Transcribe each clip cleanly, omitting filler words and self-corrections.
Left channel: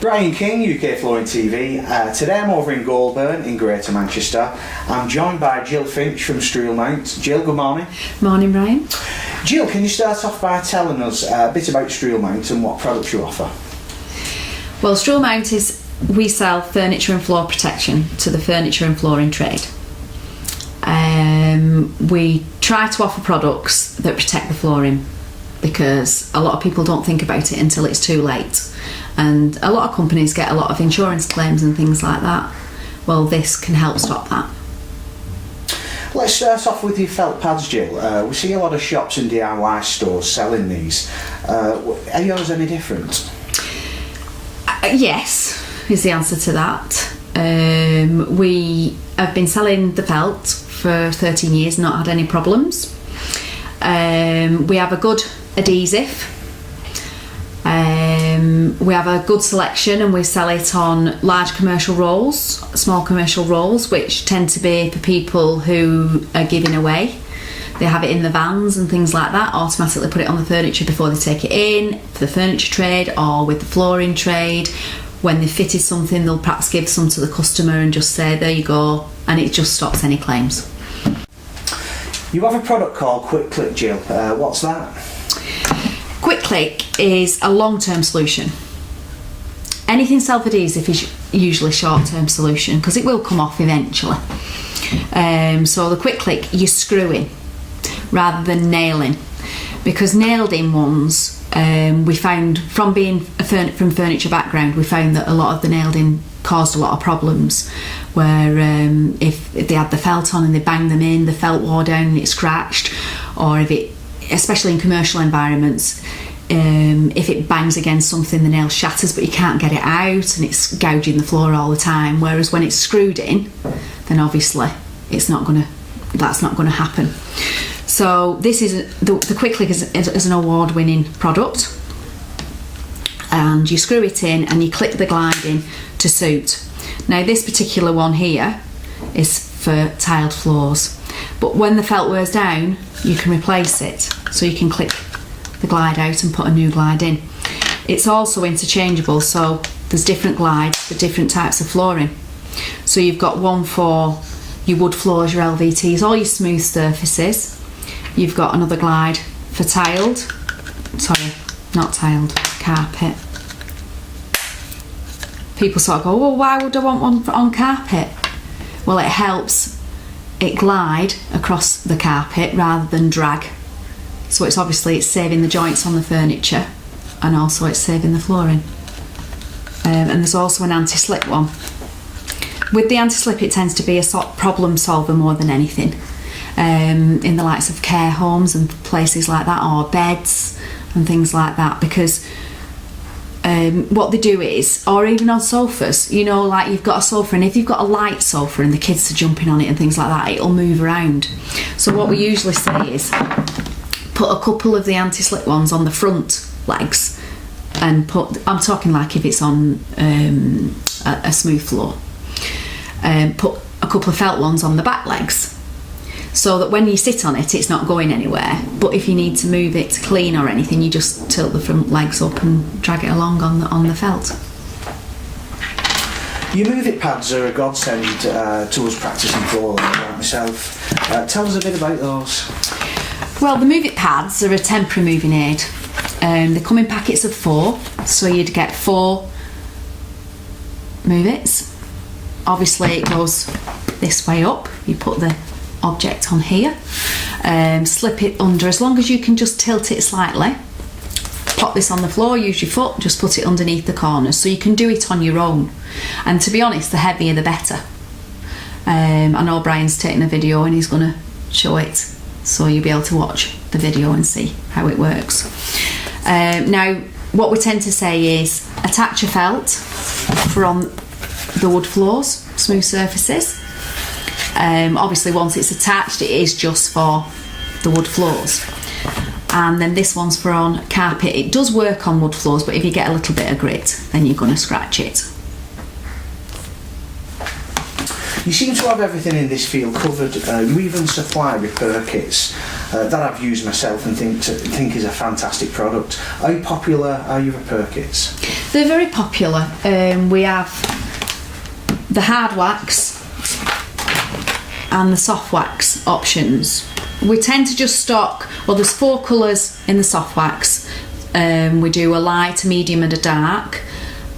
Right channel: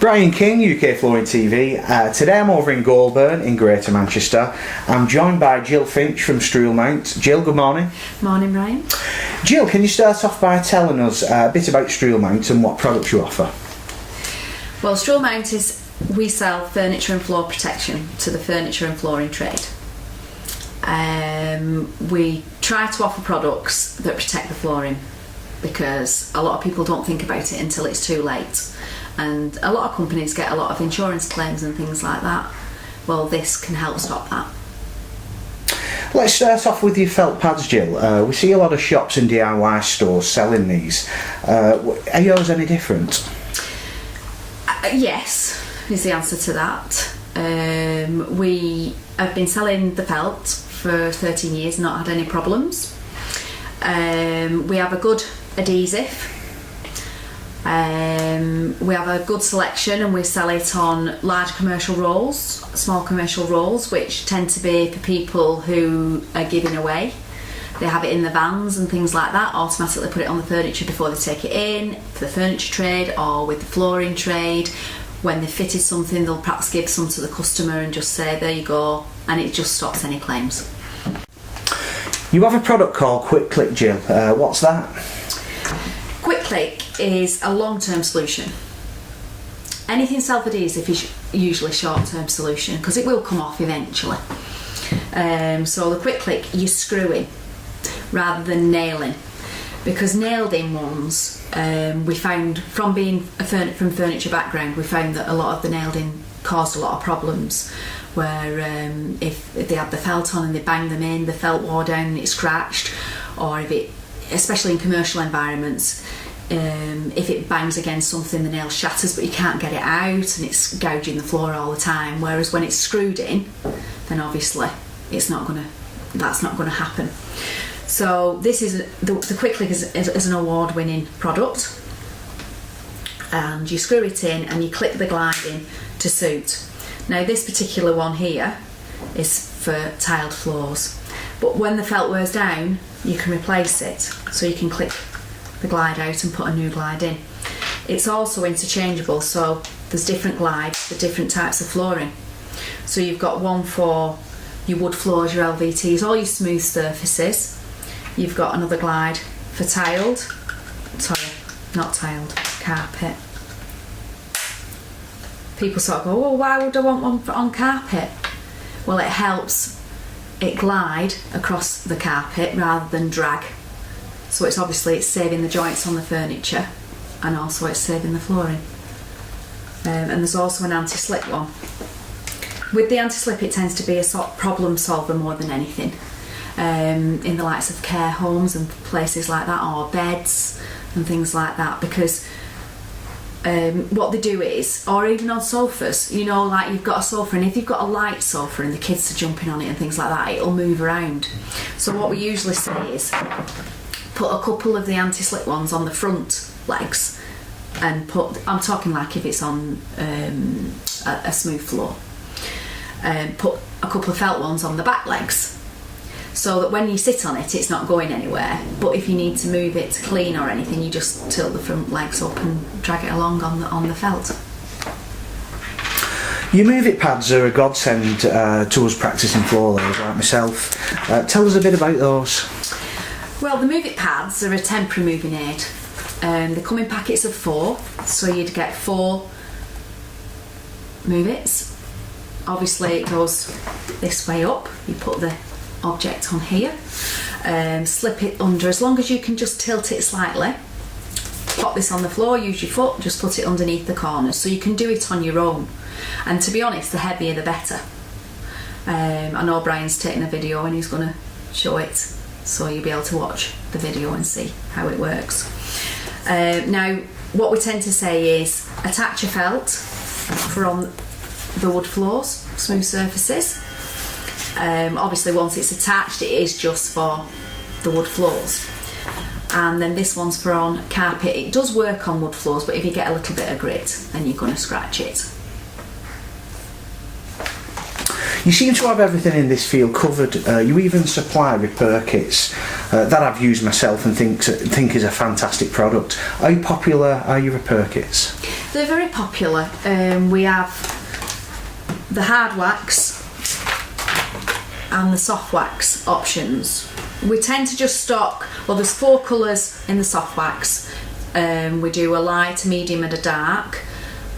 Brian King, UK Flooring TV. Today I'm over in Goulburn in Greater Manchester. I'm joined by Gill Finch from Stroolmount. Gill, good morning. Morning, Brian. Gill, can you start off by telling us a bit about Stroolmount and what products you offer? Well, Stroolmount we sell furniture and floor protection to the furniture and flooring trade. We try to offer products that protect the flooring because a lot of people don't think about it until it's too late. And a lot of companies get a lot of insurance claims and things like that. Well, this can help stop that. Let's start off with your felt pads, Gill. We see a lot of shops and DIY stores selling these. Are yours any different? Yes, is the answer to that. We have been selling the felt for 13 years, not had any problems. We have a good adhesive. We have a good selection and we sell it on large commercial rolls, small commercial rolls, which tend to be for people who are giving away. They have it in the vans and things like that, automatically put it on the furniture before they take it in, for the furniture trade or with the flooring trade. When they've fitted something, they'll perhaps give some to the customer and just say, there you go, and it just stops any claims. You have a product called Quick Click, Gill. What's that? Quick Click is a long-term solution. Anything self-adhesive is usually a short-term solution because it will come off eventually. So the Quick Click, you screw in rather than nailing, because nailed in ones, we found from being from furniture background, we found that a lot of the nailed in caused a lot of problems where if they had the felt on and they banged them in, the felt wore down and it scratched, or if it, especially in commercial environments, if it bangs against something, the nail shatters but you can't get it out and it's gouging the floor all the time. Whereas when it's screwed in, then obviously that's not going to happen. So this is the Quick Click is an award-winning product, and you screw it in and you click the glide in to suit. Now this particular one here is for tiled floors, but when the felt wears down you can replace it, so you can click the glide out and put a new glide in. It's also interchangeable, so there's different glides for different types of flooring. So you've got one for your wood floors, your LVTs, all your smooth surfaces. You've got another glide for carpet. People sort of go, well, why would I want one on carpet? Well, it helps it glide across the carpet rather than drag. So it's saving the joints on the furniture, and also it's saving the flooring. And there's also an anti-slip one. With the anti-slip, it tends to be a problem solver more than anything. In the likes of care homes and places like that, or beds and things like that, because what they do is, or even on sofas, you know, like you've got a sofa, and if you've got a light sofa and the kids are jumping on it and things like that, it'll move around. So what we usually say is put a couple of the anti-slip ones on the front legs, and I'm talking like if it's on a smooth floor, put a couple of felt ones on the back legs, so that when you sit on it, it's not going anywhere. But if you need to move it to clean or anything, you just tilt the front legs up and drag it along on the felt. Your Move It pads are a godsend to us practising floor labour like myself. Tell us a bit about those. Well, the Move It pads are a temporary moving aid. They come in packets of 4, so you'd get 4 Move Its. Obviously it goes this way up. You put the object on here, slip it under, as long as you can just tilt it slightly. Pop this on the floor, use your foot, just put it underneath the corners, so you can do it on your own. And to be honest, the heavier the better. I know Brian's taking a video and he's going to show it, so you'll be able to watch the video and see how it works. Now what we tend to say is attach a felt for on the wood floors, smooth surfaces. Obviously once it's attached, it is just for the wood floors, and then this one's for on carpet. It does work on wood floors, but if you get a little bit of grit, then you're going to scratch it. You seem to have everything in this field covered. You even supply with Perkis that I've used myself and think is a fantastic product. How popular are you with Perkis? They're very popular. We have the hard wax and the soft wax options. We tend to just stock, well, there's 4 colours in the soft wax. We do a light, a medium and a dark,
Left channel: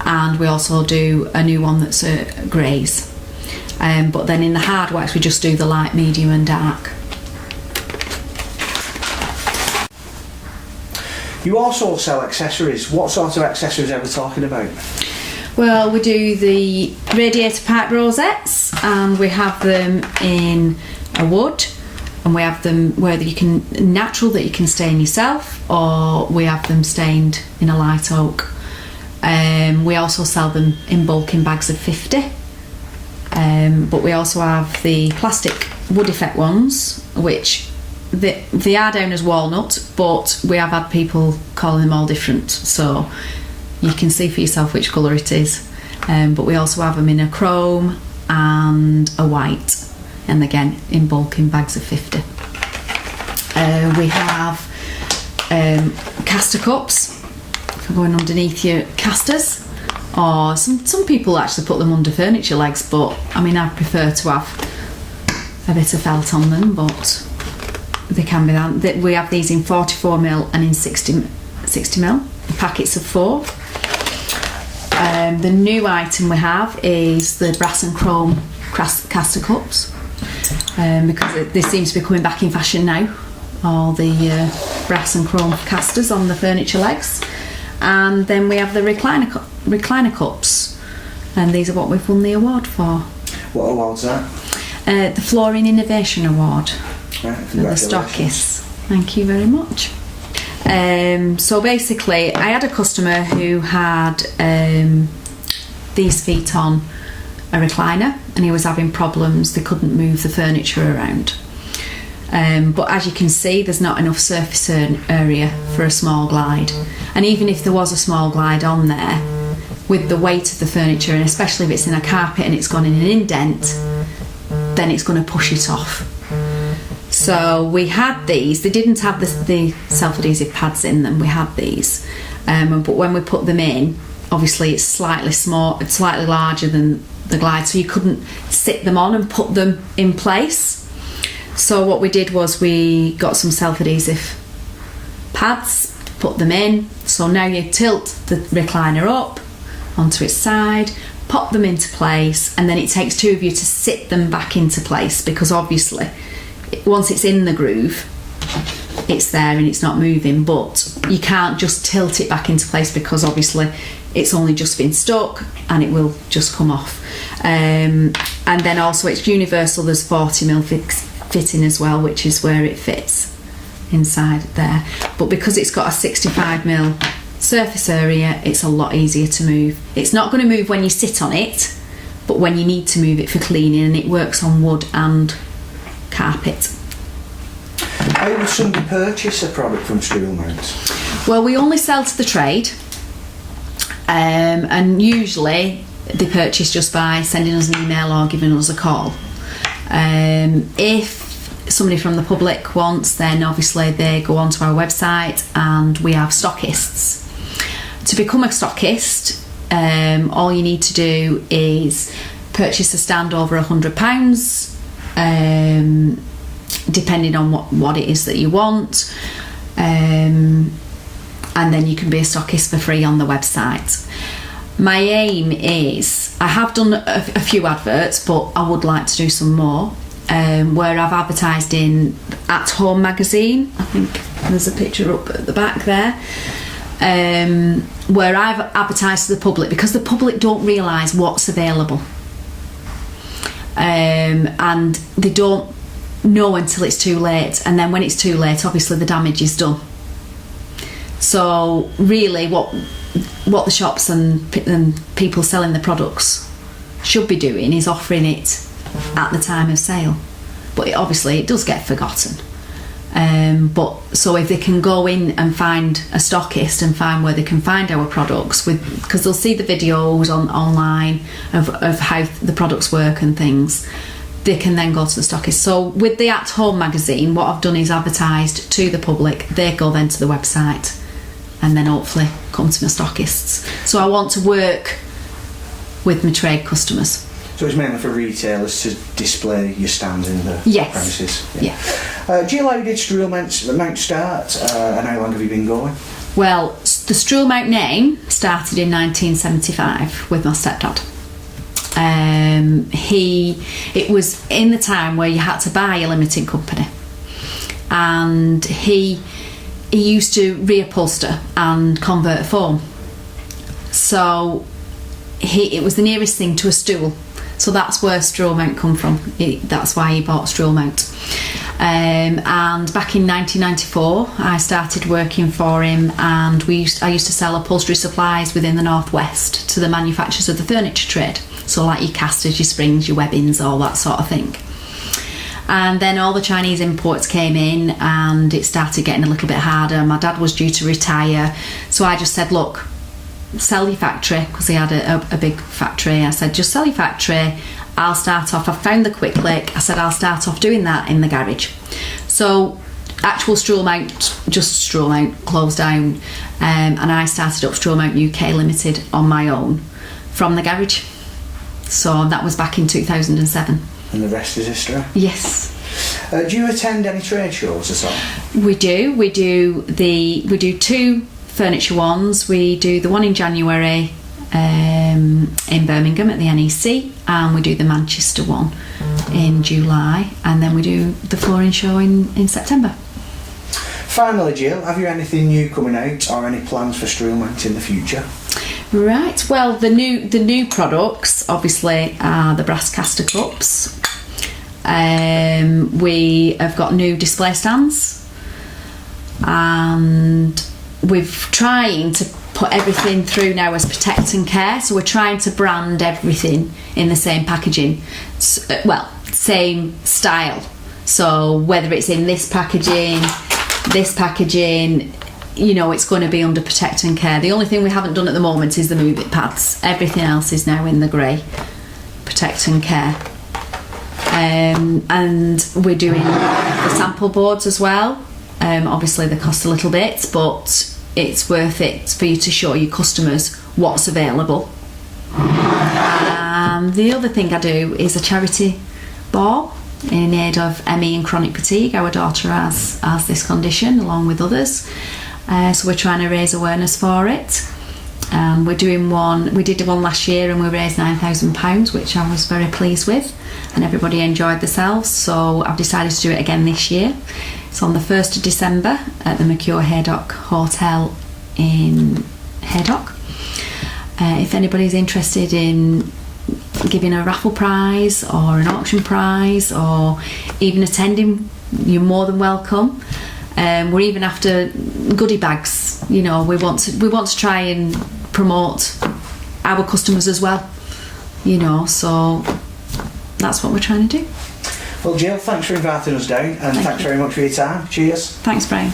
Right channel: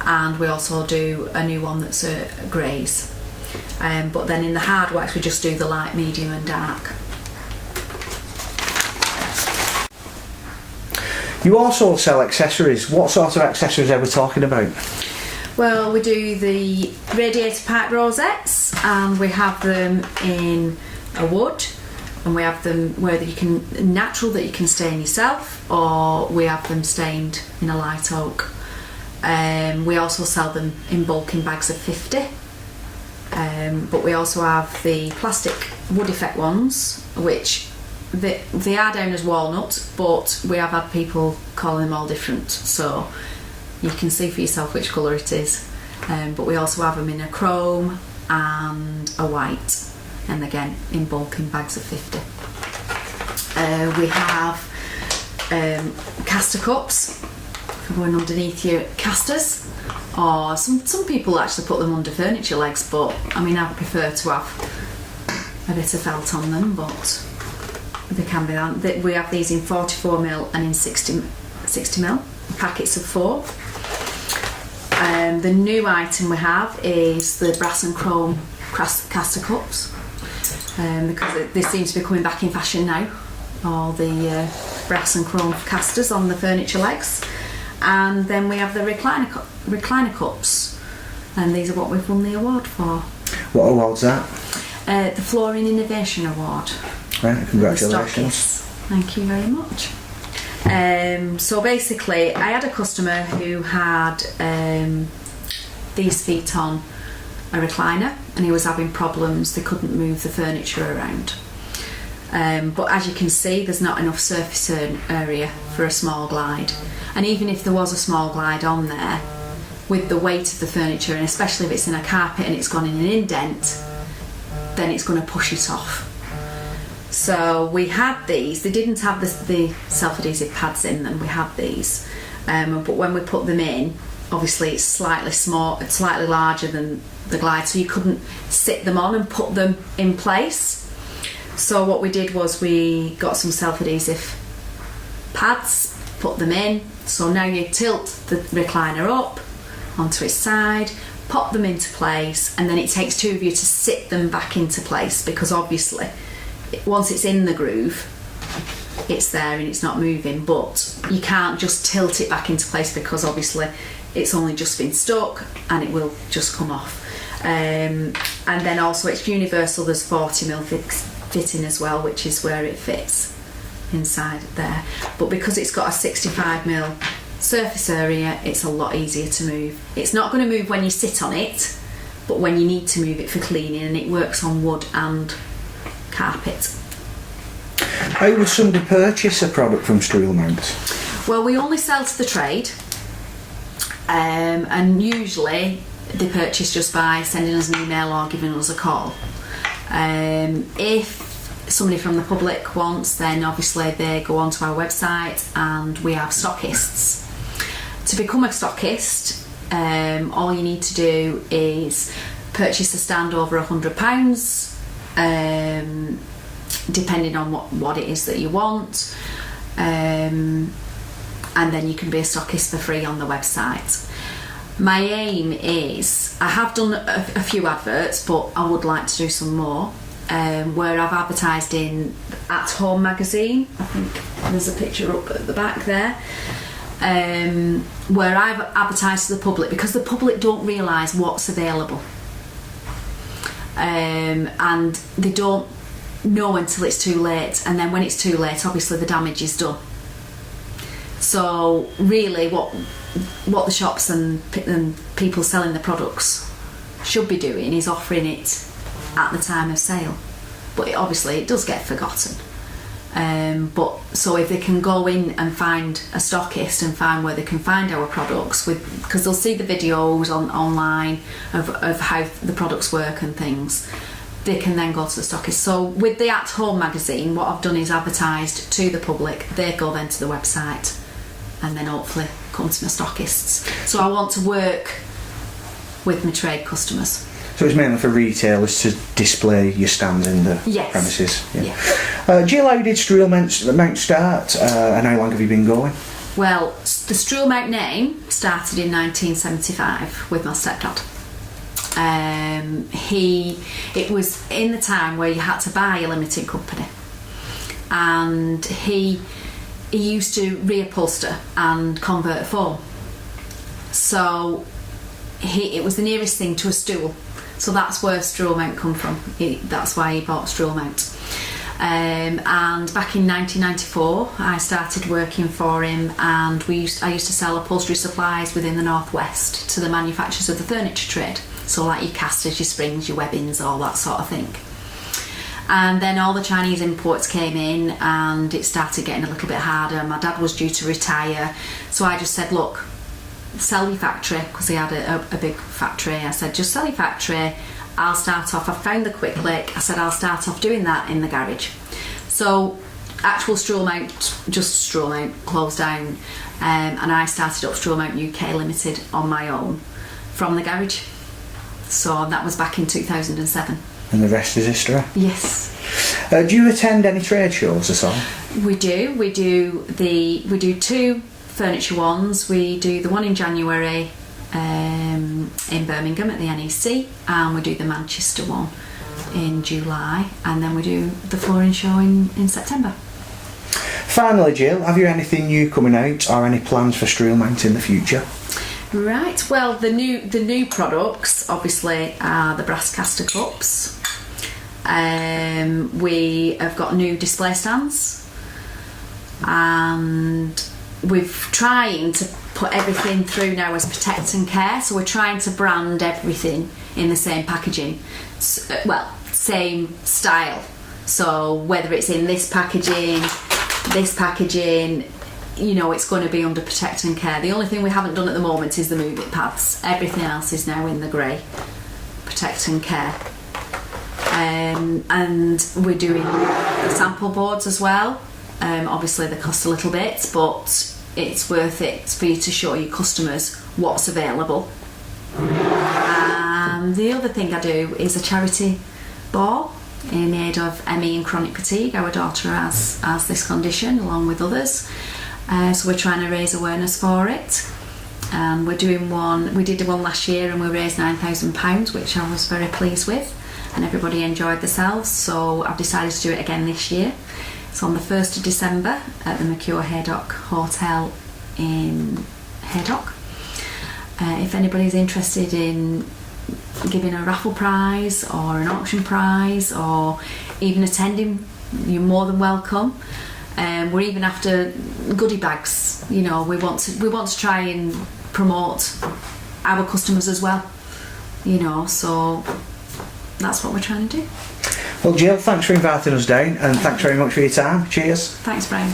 and we also do a new one that's a greys. But then in the hard wax we just do the light, medium and dark. You also sell accessories. What sort of accessories are we talking about? Well, we do the radiator pipe rosettes, and we have them in a wood, and we have them where you can natural that you can stain yourself, or we have them stained in a light oak. We also sell them in bulk in bags of 50. But we also have the plastic wood effect ones, which they are down as walnut, but we have had people calling them all different, so you can see for yourself which colour it is. But we also have them in a chrome and a white, and again in bulk in bags of 50. We have caster cups for going underneath your casters, or some people actually put them under furniture legs, but I mean I prefer to have a bit of felt on them, but they can be done. We have these in 44mm and in 60mm, packets of 4. The new item we have is the brass and chrome caster cups, because they seem to be coming back in fashion now, all the brass and chrome casters on the furniture legs. And then we have the recliner cups, and these are what we've won the award for. What award's that? The Flooring Innovation Award. Right, congratulations. The Stockists. Thank you very much. So basically, I had a customer who had these feet on a recliner, and he was having problems. They couldn't move the furniture around. But as you can see, there's not enough surface area for a small glide. And even if there was a small glide on there, with the weight of the furniture, and especially if it's in a carpet and it's gone in an indent, then it's going to push it off. So we had these. They didn't have the self-adhesive pads in them. We had these, but when we put them in, obviously it's slightly larger than the glide, so you couldn't sit them on and put them in place. So what we did was we got some self-adhesive pads, put them in. So now you tilt the recliner up onto its side, pop them into place, and then it takes 2 of you to sit them back into place, because obviously once it's in the groove, it's there and it's not moving, but you can't just tilt it back into place because obviously it's only just been stuck and it will just come off. And then also it's universal, there's 40mm fitting as well, which is where it fits inside there, but because it's got a 65mm surface area, it's a lot easier to move. It's not going to move when you sit on it, but when you need to move it for cleaning, and it works on wood and carpet. How would somebody purchase a product from Stroolmount? Well, we only sell to the trade, and usually they purchase just by sending us an email or giving us a call. If somebody from the public wants, then obviously they go onto our website, and we have stockists. To become a stockist, all you need to do is purchase a stand over £100, depending on what it is that you want, and then you can be a stockist for free on the website. My aim is, I have done a few adverts, but I would like to do some more, where I've advertised in At Home magazine. I think there's a picture up at the back there, where I've advertised to the public, because the public don't realise what's available, and they don't know until it's too late, and then when it's too late, obviously the damage is done. So really what the shops and people selling the products should be doing is offering it at the time of sale, but obviously it does get forgotten. But so if they can go in and find a stockist and find where they can find our products, because they'll see the videos online of how the products work and things, they can then go to the stockist. So with the At Home magazine, what I've done is advertised to the public. They go then to the website and then hopefully come to my stockists. So I want to work with my trade customers. So it's mainly for retailers to display your stand in the premises? Yeah. Gill, how did Stroolmount start, and how long have you been going? Well, the Stroolmount name started in 1975 with my stepdad. It was in the time where you had to buy a limited company, and he used to reupholster and convert a foam. So it was the nearest thing to a stool. So that's where Stroolmount come from. That's why he bought Stroolmount. And back in 1994, I started working for him, and I used to sell upholstery supplies within the Northwest to the manufacturers of the furniture trade. So like your casters, your springs, your webbings, all that sort of thing. And then all the Chinese imports came in, and it started getting a little bit harder. My dad was due to retire, so I just said, look, sell your factory, because he had a big factory. I said, just sell your factory, I'll start off. I found the quick click. I said, I'll start off doing that in the garage. So actual Stroolmount, just Stroolmount, closed down, and I started up Stroolmount UK Limited on my own from the garage. So that was back in 2007. And the rest is history? Yes. Do you attend any trade shows at all? We do. We do 2 furniture ones. We do the one in January in Birmingham at the NEC, and we do the Manchester one in July, and then we do the flooring show in September. Finally, Gill, have you anything new coming out, or any plans for Stroolmount in the future? Right, well, the new products obviously are the brass caster cups. We have got new display stands, and we're trying to put everything through now as Protect and Care, so we're trying to brand everything in the same packaging, same style. So whether it's in this packaging, it's going to be under Protect and Care. The only thing we haven't done at the moment is the Move It pads. Everything else is now in the grey Protect and Care. And we're doing the sample boards as well. Obviously they cost a little bit, but it's worth it for you to show your customers what's available. The other thing I do is a charity ball in aid of ME and chronic fatigue. Our daughter has this condition along with others, so we're trying to raise awareness for it. We're doing one. We did one last year and we raised £9,000, which I was very pleased with, and everybody enjoyed themselves. So I've decided to do it again this year. It's on the 1st of December at the Mercure Haydock Hotel in Haydock. If anybody's interested in giving a raffle prize or an auction prize or even attending, you're more than welcome. We're even after goodie bags. We want to try and promote our customers as well. So that's what we're trying to do. Well, Gill, thanks for inviting us down, and thanks very much for your time. Cheers. Thanks, Brian.